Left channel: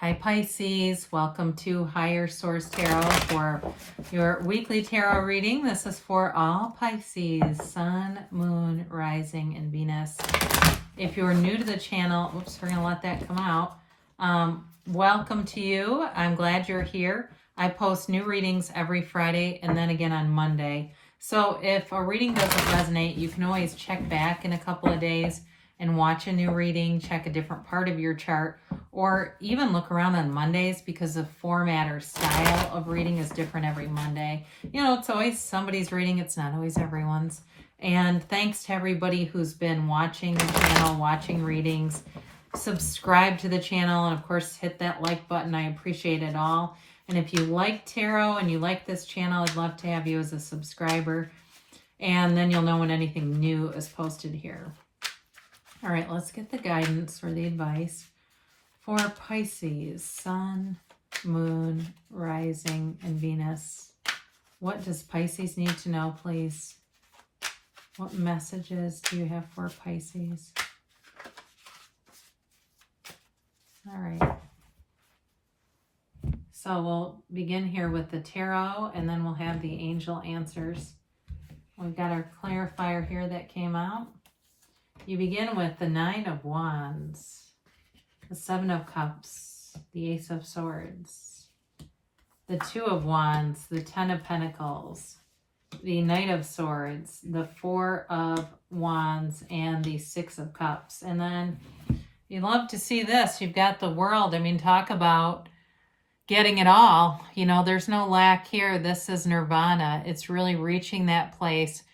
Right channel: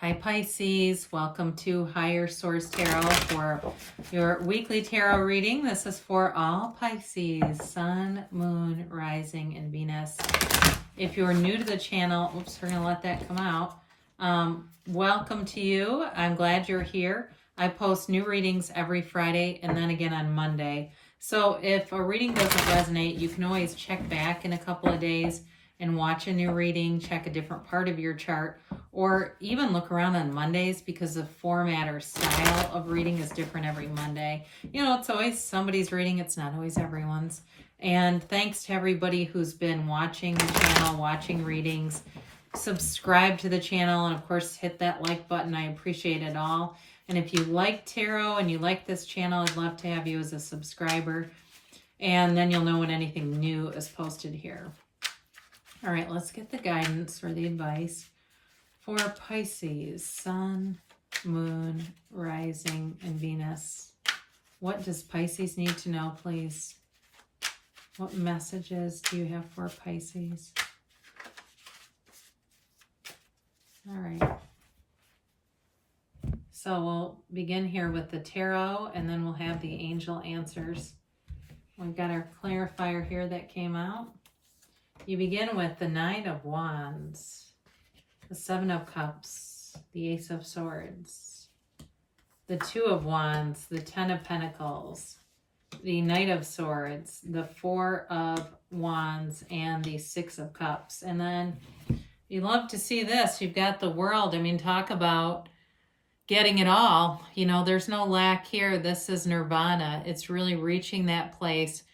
Hi Pisces, welcome to Higher Source Tarot for your weekly tarot reading. This is for all Pisces, Sun, Moon, Rising, and Venus. If you're new to the channel, oops, we're going to let that come out. Welcome to you. I'm glad you're here. I post new readings every Friday and then again on Monday. So if a reading doesn't resonate, you can always check back in a couple of days and watch a new reading, check a different part of your chart, or even look around on Mondays because the format or style of reading is different every Monday. You know, it's always somebody's reading, it's not always everyone's. And thanks to everybody who's been watching the channel, watching readings. Subscribe to the channel, and of course hit that like button. I appreciate it all. And if you like tarot and you like this channel, I'd love to have you as a subscriber. And then you'll know when anything new is posted here. All right, let's get the guidance or the advice for Pisces, Sun, Moon, Rising, and Venus. What does Pisces need to know, please? What messages do you have for Pisces? All right. So we'll begin here with the tarot, and then we'll have the angel answers. We've got our clarifier here that came out. You begin with the Nine of Wands, the Seven of Cups, the Ace of Swords, the Two of Wands, the Ten of Pentacles, the Knight of Swords, the Four of Wands, and the Six of Cups. And then you love to see this. You've got the World. I mean, talk about getting it all. You know, there's no lack here. This is nirvana. It's really reaching that place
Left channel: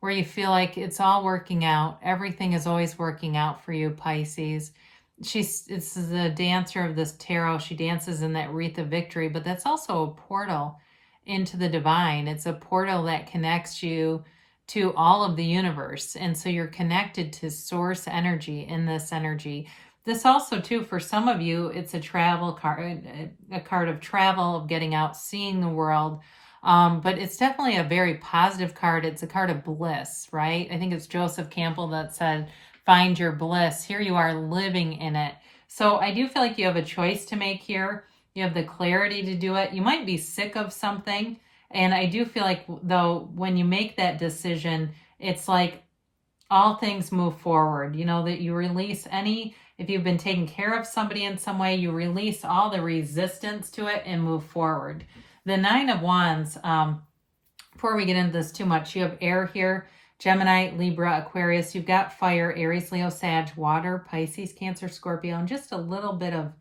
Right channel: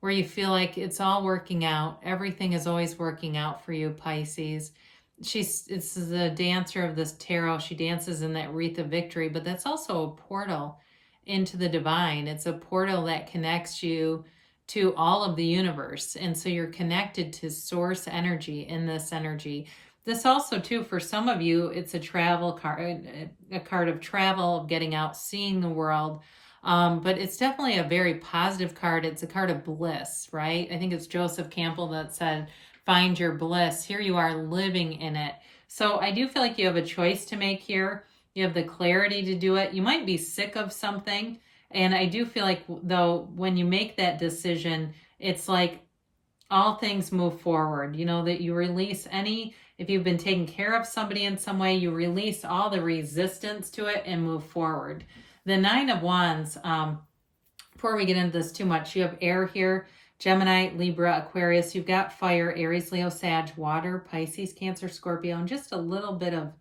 where you feel like it's all working out. Everything is always working out for you, Pisces. It's the dancer of this tarot. She dances in that wreath of victory, but that's also a portal into the divine. It's a portal that connects you to all of the universe. And so you're connected to source energy in this energy. This also, too, for some of you, it's a travel card, a card of travel, of getting out, seeing the world. But it's definitely a very positive card. It's a card of bliss, right? I think it's Joseph Campbell that said, find your bliss. Here you are living in it. So I do feel like you have a choice to make here. You have the clarity to do it. You might be sick of something. And I do feel like, though, when you make that decision, it's like all things move forward. You know, that you release if you've been taking care of somebody in some way, you release all the resistance to it and move forward. The Nine of Wands, before we get into this too much, you have air here, Gemini, Libra, Aquarius. You've got fire, Aries, Leo, Sag, water, Pisces, Cancer, Scorpio, and just a little bit of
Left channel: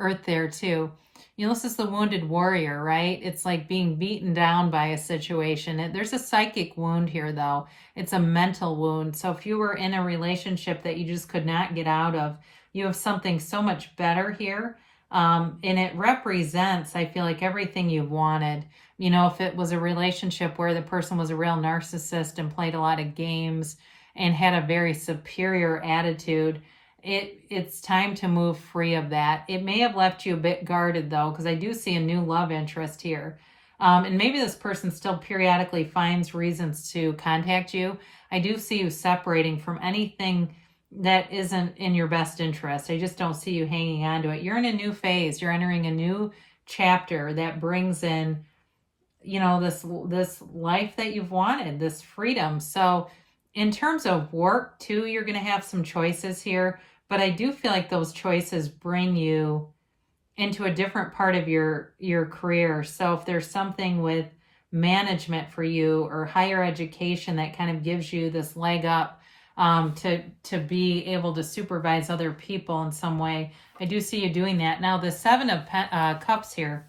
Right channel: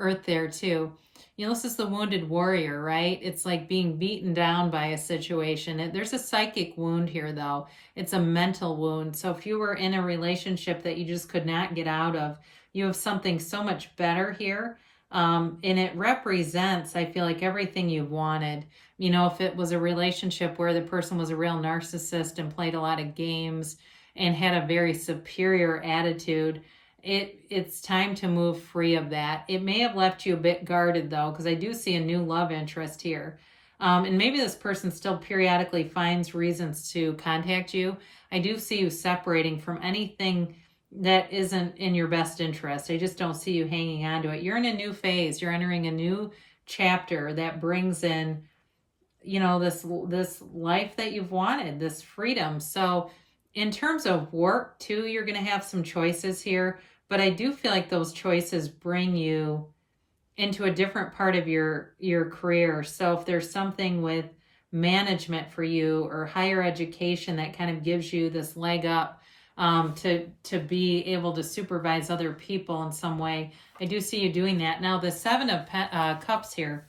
earth there too. You know, this is the wounded warrior, right? It's like being beaten down by a situation. There's a psychic wound here, though. It's a mental wound. So if you were in a relationship that you just could not get out of, you have something so much better here. And it represents, I feel like, everything you've wanted. You know, if it was a relationship where the person was a real narcissist and played a lot of games and had a very superior attitude, it's time to move free of that. It may have left you a bit guarded, though, because I do see a new love interest here. And maybe this person still periodically finds reasons to contact you. I do see you separating from anything that isn't in your best interest. I just don't see you hanging on to it. You're in a new phase. You're entering a new chapter that brings in, you know, this life that you've wanted, this freedom. So in terms of work too, you're going to have some choices here, but I do feel like those choices bring you into a different part of your career. So if there's something with management for you or higher education that kind of gives you this leg up, to be able to supervise other people in some way, I do see you doing that. Now, the Seven of Cups here,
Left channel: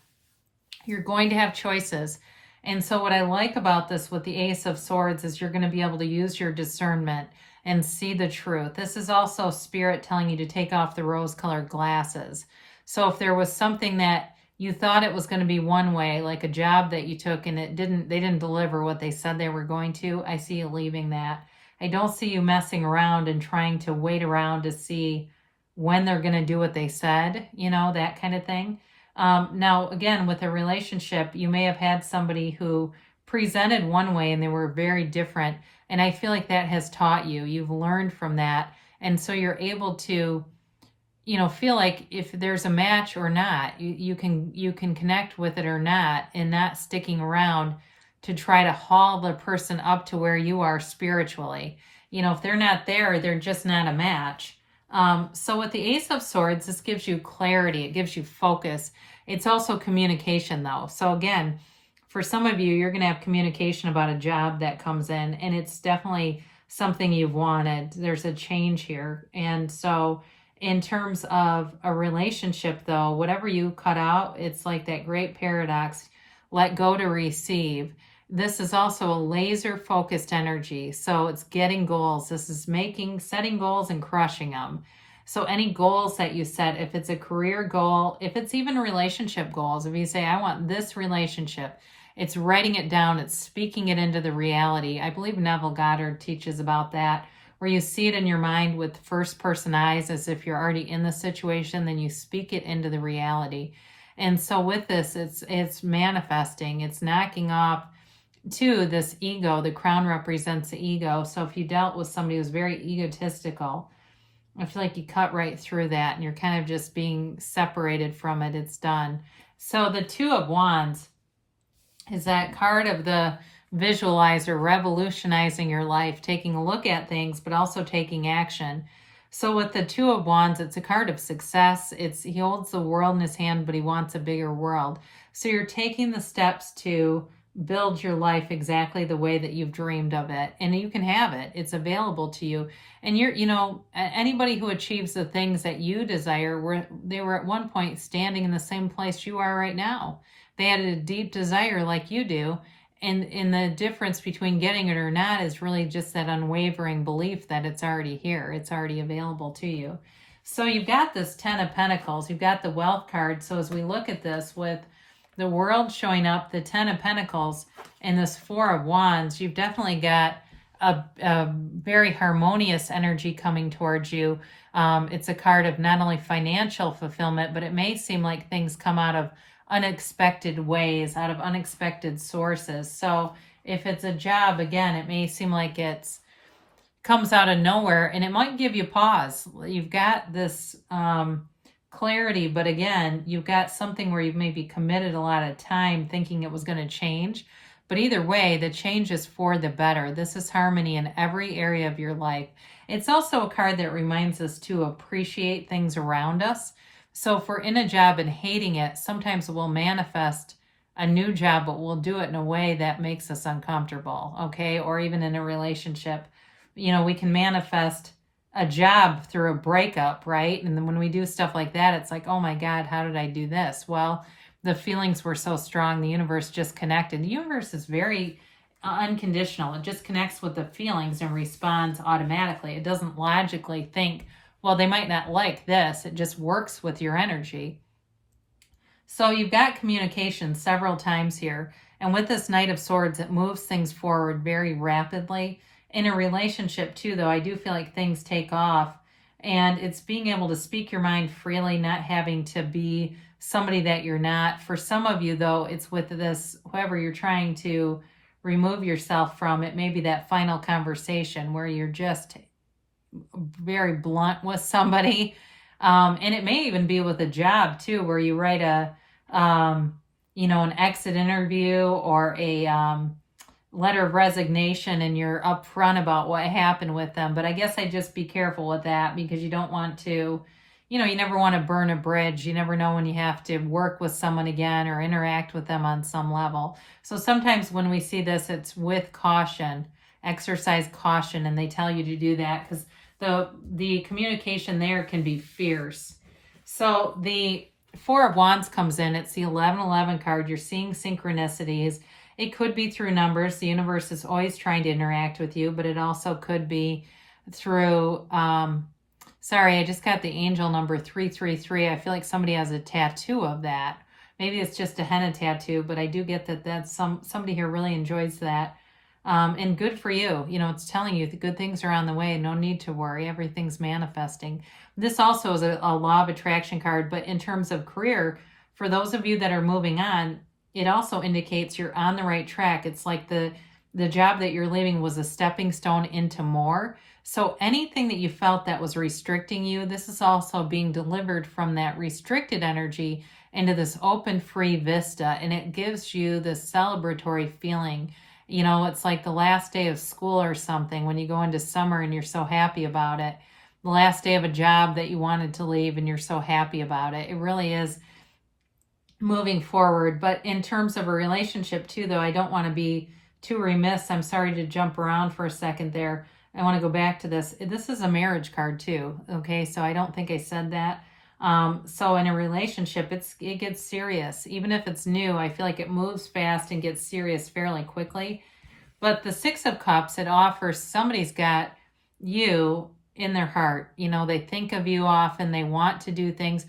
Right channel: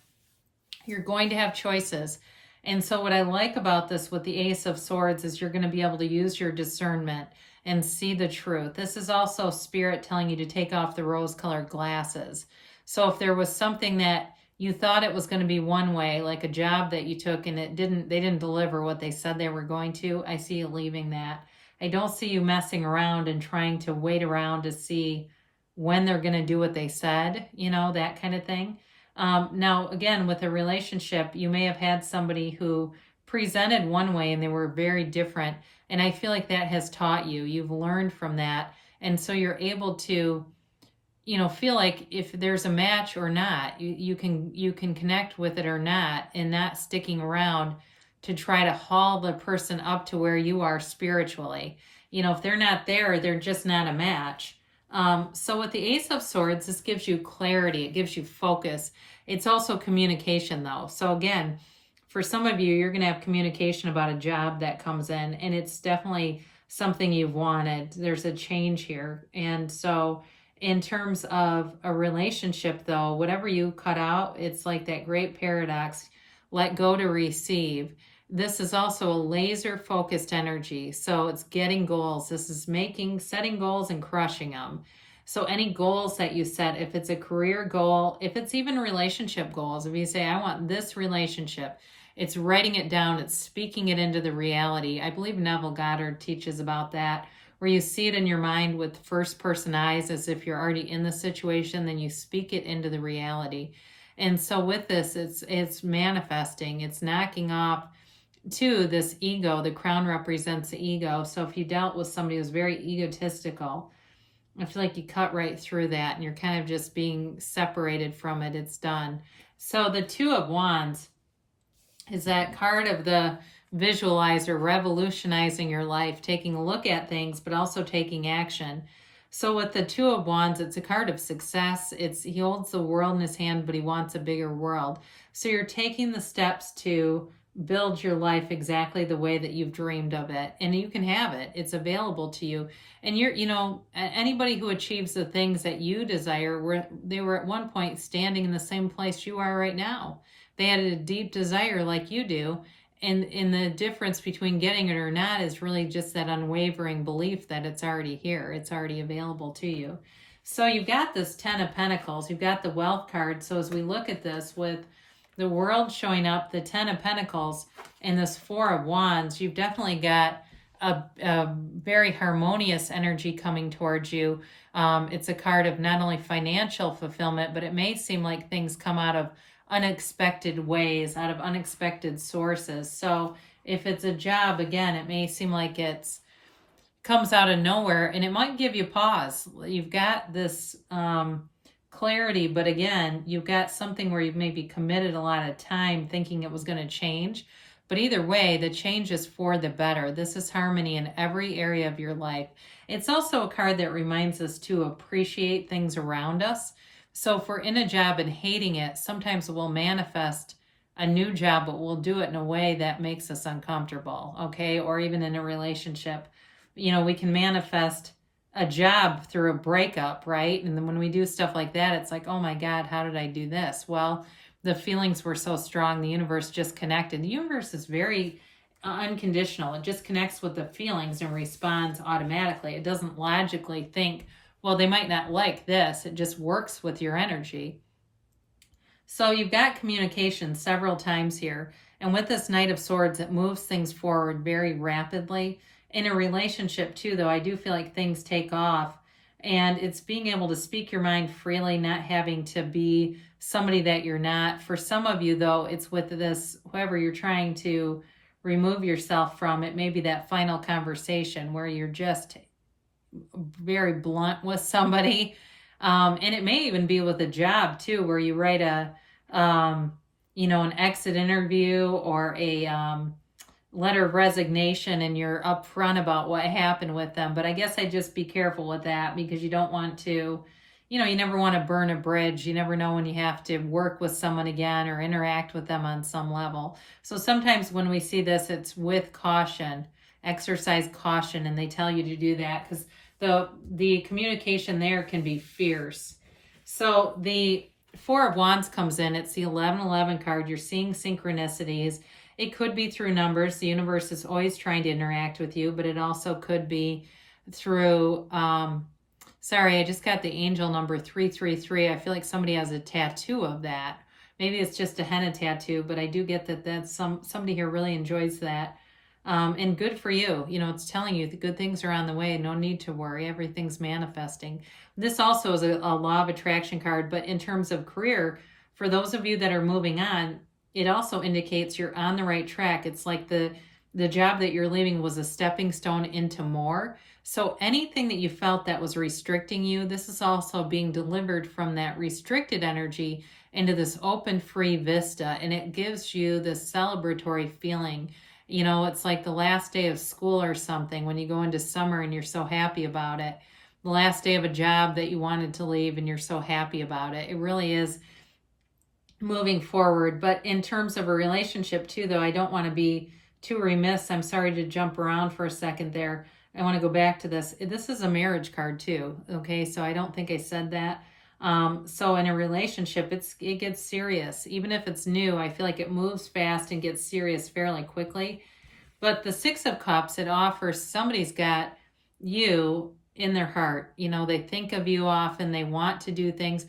you're going to have choices. And so what I like about this with the Ace of Swords is you're going to be able to use your discernment and see the truth. This is also Spirit telling you to take off the rose-colored glasses. So if there was something that you thought it was going to be one way, like a job that you took and they didn't deliver what they said they were going to, I see you leaving that. I don't see you messing around and trying to wait around to see when they're going to do what they said, you know, that kind of thing. Now, again, with a relationship, you may have had somebody who presented one way and they were very different. And I feel like that has taught you. You've learned from that. And so you're able to feel like if there's a match or not, you can connect with it or not, and not sticking around to try to haul the person up to where you are spiritually. If they're not there, they're just not a match. So with the Ace of Swords, this gives you clarity. It gives you focus. It's also communication, though. So again, for some of you, you're going to have communication about a job that comes in, and it's definitely something you've wanted. There's a change here. And so in terms of a relationship, though, whatever you cut out, it's like that great paradox, let go to receive. This is also a laser focused energy. So it's getting goals. This is setting goals and crushing them. So any goals that you set, if it's a career goal, if it's even relationship goals, if you say, I want this relationship, it's writing it down, it's speaking it into the reality. I believe Neville Goddard teaches about that, where you see it in your mind with first person eyes as if you're already in the situation, then you speak it into the reality. And so with this, it's manifesting, it's knocking off to this ego. The crown represents the ego. So if you dealt with somebody who's very egotistical, I feel like you cut right through that and you're kind of just being separated from it. It's done. So the Two of Wands is that card of the visualizer, revolutionizing your life, taking a look at things, but also taking action. So with the Two of Wands, it's a card of success. He holds the world in his hand, but he wants a bigger world. So you're taking the steps to build your life exactly the way that you've dreamed of it, and you can have it. It's available to you. And anybody who achieves the things that you desire, they were at one point standing in the same place you are right now. They had a deep desire like you do. And the difference between getting it or not is really just that unwavering belief that it's already here. It's already available to you. So you've got this Ten of Pentacles. You've got the Wealth card. So as we look at this with the World showing up, the Ten of Pentacles, and this Four of Wands, you've definitely got a very harmonious energy coming towards you. It's a card of not only financial fulfillment, but it may seem like things come out of unexpected ways, out of unexpected sources. So if it's a job, again, it may seem like it's comes out of nowhere, and it might give you pause. You've got this clarity, but again, you've got something where you've maybe committed a lot of time thinking it was going to change. But either way, the change is for the better. This is harmony in every area of your life. It's also a card that reminds us to appreciate things around us. So if we're in a job and hating it, sometimes we'll manifest a new job, but we'll do it in a way that makes us uncomfortable, okay? Or even in a relationship. We can manifest a job through a breakup, right? And then when we do stuff like that, it's like, oh my God, how did I do this? Well, the feelings were so strong. The universe just connected. The universe is very unconditional. It just connects with the feelings and responds automatically. It doesn't logically think, well, they might not like this. It just works with your energy. So you've got communication several times here. And with this Knight of Swords, it moves things forward very rapidly. In a relationship too, though, I do feel like things take off. And it's being able to speak your mind freely, not having to be somebody that you're not. For some of you, though, it's with this, whoever you're trying to remove yourself from, it may be that final conversation where you're just very blunt with somebody. And it may even be with a job too, where you write an exit interview or a letter of resignation, and you're upfront about what happened with them. But I guess I'd just be careful with that, because you don't want to, you never want to burn a bridge. You never know when you have to work with someone again or interact with them on some level. So sometimes when we see this, it's with caution, exercise caution, and they tell you to do that because the communication there can be fierce. So the Four of Wands comes in. It's the 1111 card. You're seeing synchronicities. It could be through numbers. The universe is always trying to interact with you, but it also could be through, sorry, I just got the angel number 333. I feel like somebody has a tattoo of that. Maybe it's just a henna tattoo, but I do get that that's somebody here really enjoys that. And good for you. It's telling you the good things are on the way. No need to worry. Everything's manifesting. This also is a law of attraction card, but in terms of career, for those of you that are moving on, it also indicates you're on the right track. It's like the job that you're leaving was a stepping stone into more. So anything that you felt that was restricting you, this is also being delivered from that restricted energy into this open, free vista. And it gives you this celebratory feeling. You know, it's like the last day of school or something when you go into summer and you're so happy about it. The last day of a job that you wanted to leave and you're so happy about it. It really is moving forward. But in terms of a relationship too, though, I don't want to be too remiss. I'm sorry to jump around for a second there. I want to go back to this. This is a marriage card too. Okay, so I don't think I said that. So in a relationship, it gets serious. Even if it's new, I feel like it moves fast and gets serious fairly quickly. But the Six of Cups, it offers somebody's got you in their heart. You know, they think of you often. They want to do things.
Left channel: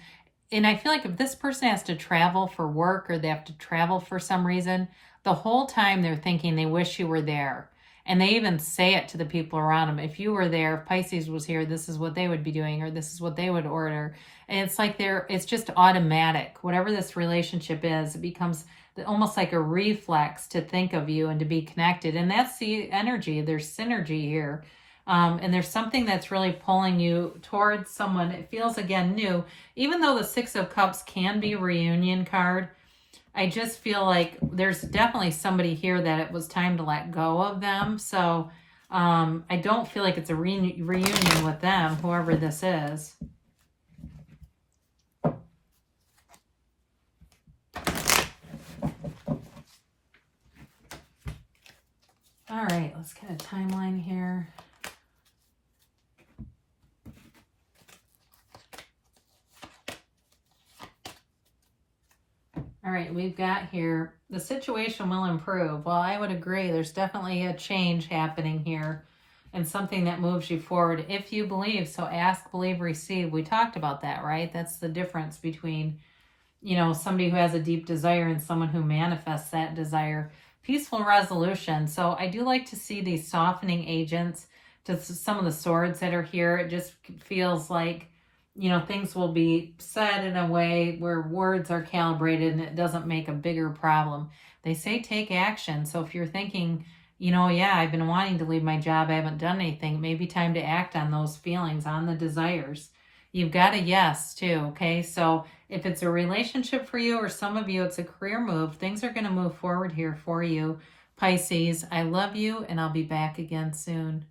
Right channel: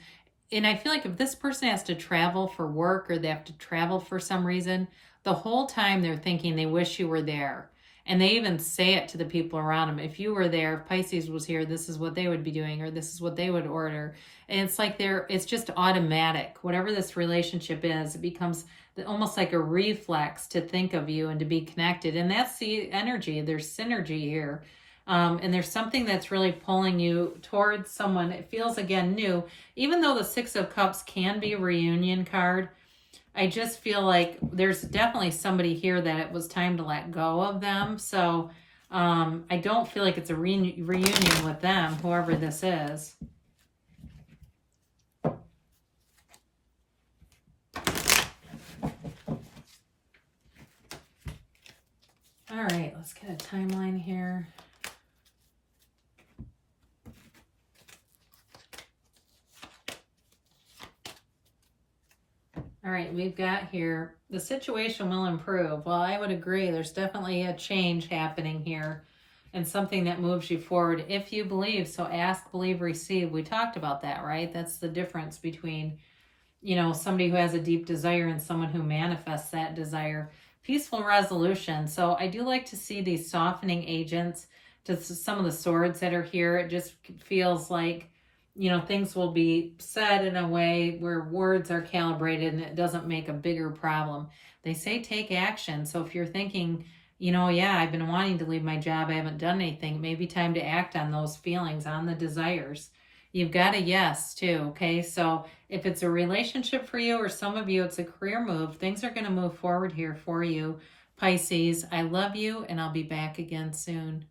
And I feel like if this person has to travel for work or they have to travel for some reason, the whole time they're thinking they wish you were there. And they even say it to the people around them. If you were there, if Pisces was here, this is what they would be doing, or this is what they would order. And it's like it's just automatic. Whatever this relationship is, it becomes almost like a reflex to think of you and to be connected. And that's the energy. There's synergy here. And there's something that's really pulling you towards someone. It feels, again, new. Even though the Six of Cups can be a reunion card, I just feel like there's definitely somebody here that it was time to let go of them. So I don't feel like it's a reunion with them, whoever this is. All right, let's get a timeline here. All right, we've got here, the situation will improve. Well, I would agree. There's definitely a change happening here and something that moves you forward if you believe. So ask, believe, receive. We talked about that, right? That's the difference between, you know, somebody who has a deep desire and someone who manifests that desire. Peaceful resolution. So I do like to see these softening agents to some of the swords that are here. It just feels like, you know, things will be said in a way where words are calibrated and it doesn't make a bigger problem. They say take action. So if you're thinking, you know, yeah, I've been wanting to leave my job, I haven't done anything, it may be time to act on those feelings, on the desires. You've got a yes too, okay? So if it's a relationship for you or some of you, it's a career move, things are going to move forward here for you. Pisces, I love you and I'll be back again soon.